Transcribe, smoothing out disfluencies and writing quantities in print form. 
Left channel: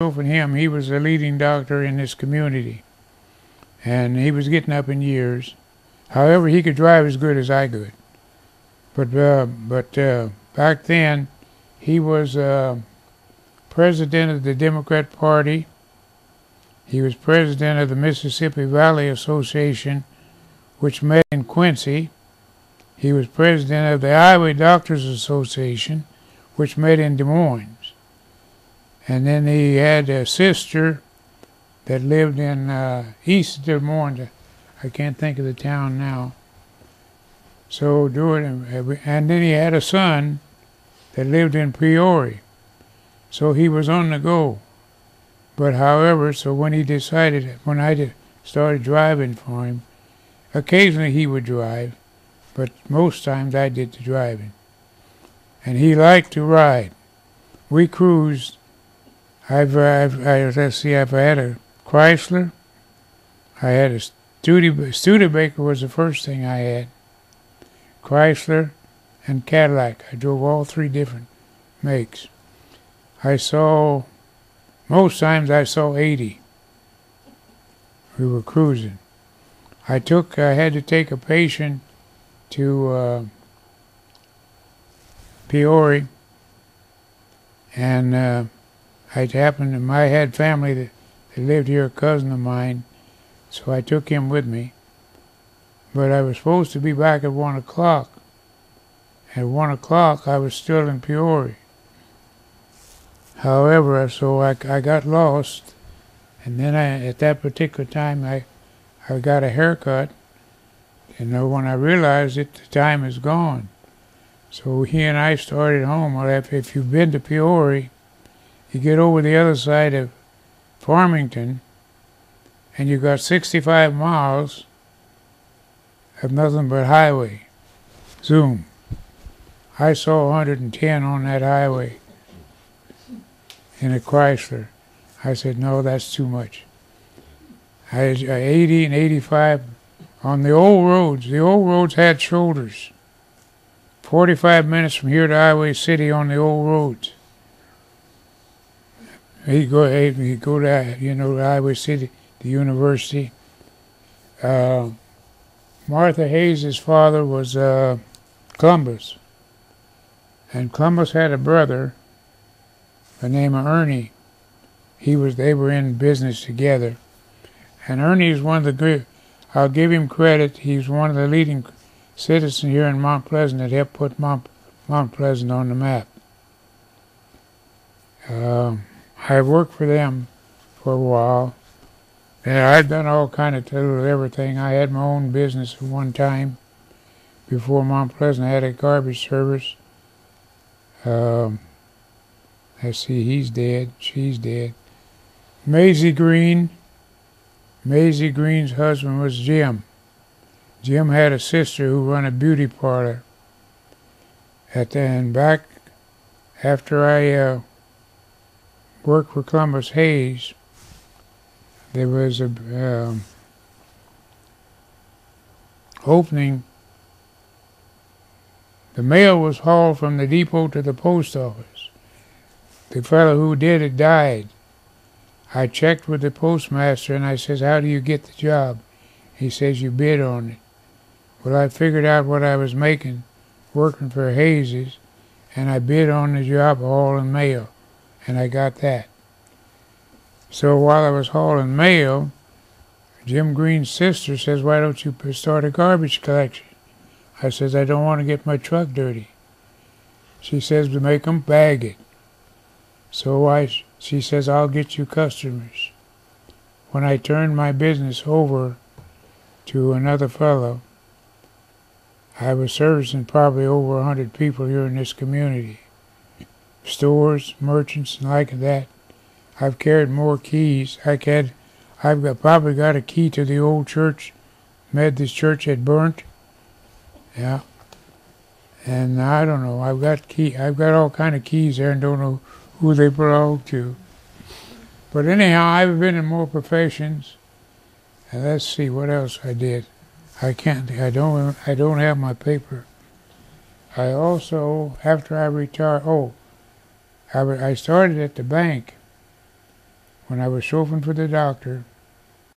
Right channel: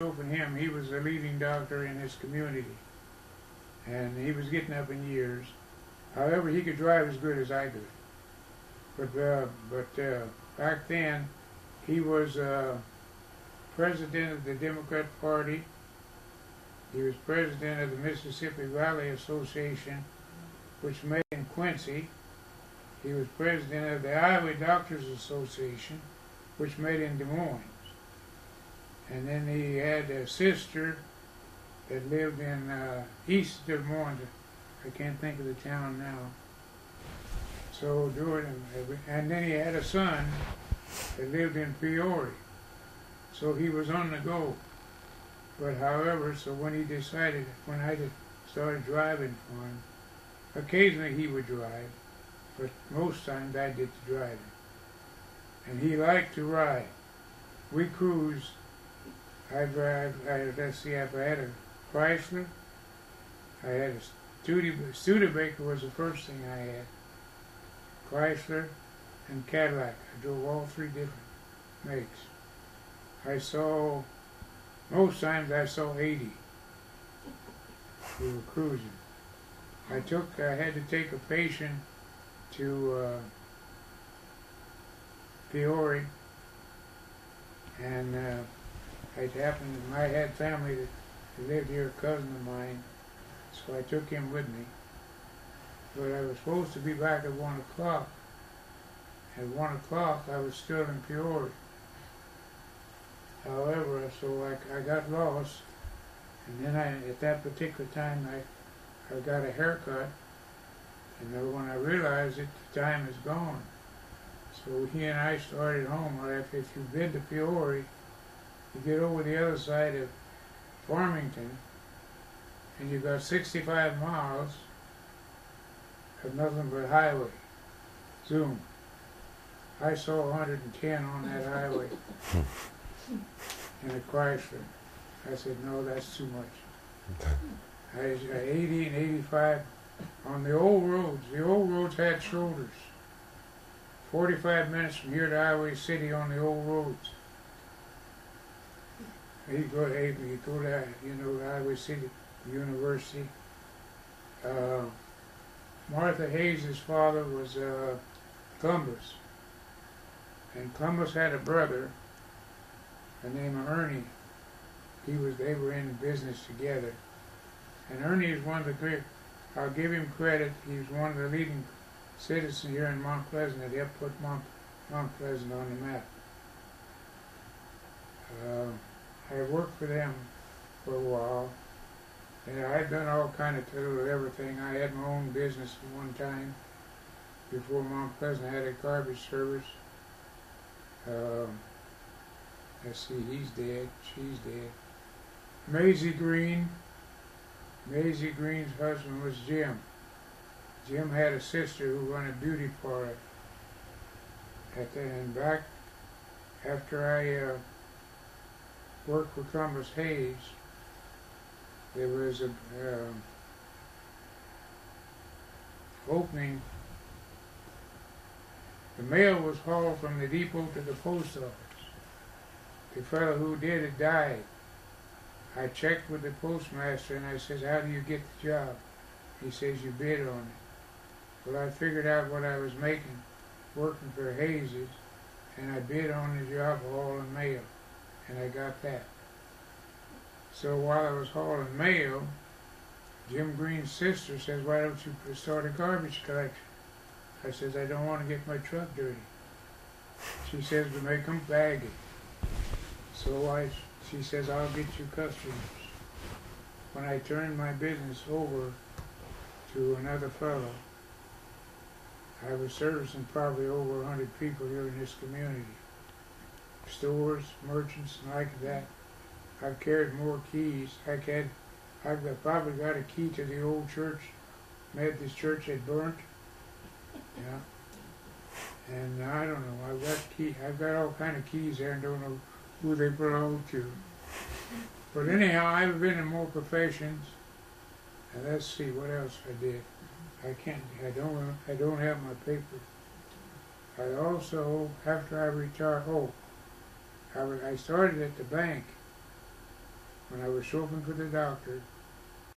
for him, he was a leading doctor in this community, and he was getting up in years. However, he could drive as good as I could. But back then, he was president of the Democrat Party. He was president of the Mississippi Valley Association, which met in Quincy. He was president of the Iowa Doctors Association, which met in Des Moines. And then he had a sister that lived in east of Des Moines. I can't think of the town now. So and then he had a son that lived in Peoria. So he was on the go. But however, so when I started driving for him, occasionally he would drive, but most times I did the driving. And he liked to ride. We cruised. Let's see, I've had a Chrysler. I had a Studebaker was the first thing I had. Chrysler and Cadillac. I drove all three different makes. Most times I saw 80. We were cruising. I had to take a patient to Peoria, and I had family that lived here, a cousin of mine, so I took him with me. But I was supposed to be back at 1 o'clock. At 1 o'clock, I was still in Peoria. However, so I got lost, and then at that particular time, I got a haircut, and when I realized it, the time is gone. So he and I started home. Well, if you've been to Peoria, you get over the other side of Farmington, and you got 65 miles of nothing but highway. Zoom. I saw 110 on that highway in a Chrysler. I said, no, that's too much. I had 80 and 85 on the old roads. The old roads had shoulders. 45 minutes from here to Highway City on the old roads. He'd go to Highway City, the university. Martha Hayes' father was Columbus. And Columbus had a brother by the name of Ernie. They were in business together. And Ernie is one of the great, I'll give him credit, he's one of the leading citizens here in Mount Pleasant that helped put Mount Pleasant on the map. I worked for them for a while, and I'd done all kind of little everything. I had my own business at one time before Mount Pleasant had a garbage service. Let's see, he's dead, she's dead. Maisie Green's husband was Jim. Jim had a sister who ran a beauty parlor. And back after I worked for Columbus Hayes, there was a opening. The mail was hauled from the depot to the post office. The fellow who did it died. I checked with the postmaster and I says, how do you get the job? He says, you bid on it. Well, I figured out what I was making working for Hayes's, and I bid on the job hauling mail, and I got that. So while I was hauling mail, Jim Green's sister says, why don't you start a garbage collection? I says, I don't want to get my truck dirty. She says, to make them bag it. So she says, I'll get you customers. When I turned my business over to another fellow, I was servicing probably over 100 people here in this community. Stores, merchants, and like that. I've carried more keys. I've probably got a key to the old church, Methodist church had burnt. Yeah. And I don't know, I've got all kind of keys there and don't know who they belong to. But anyhow, I've been in more professions. And let's see what else I did. I don't have my paper. I also, after I retired, I started at the bank when I was chauffeuring for the doctor,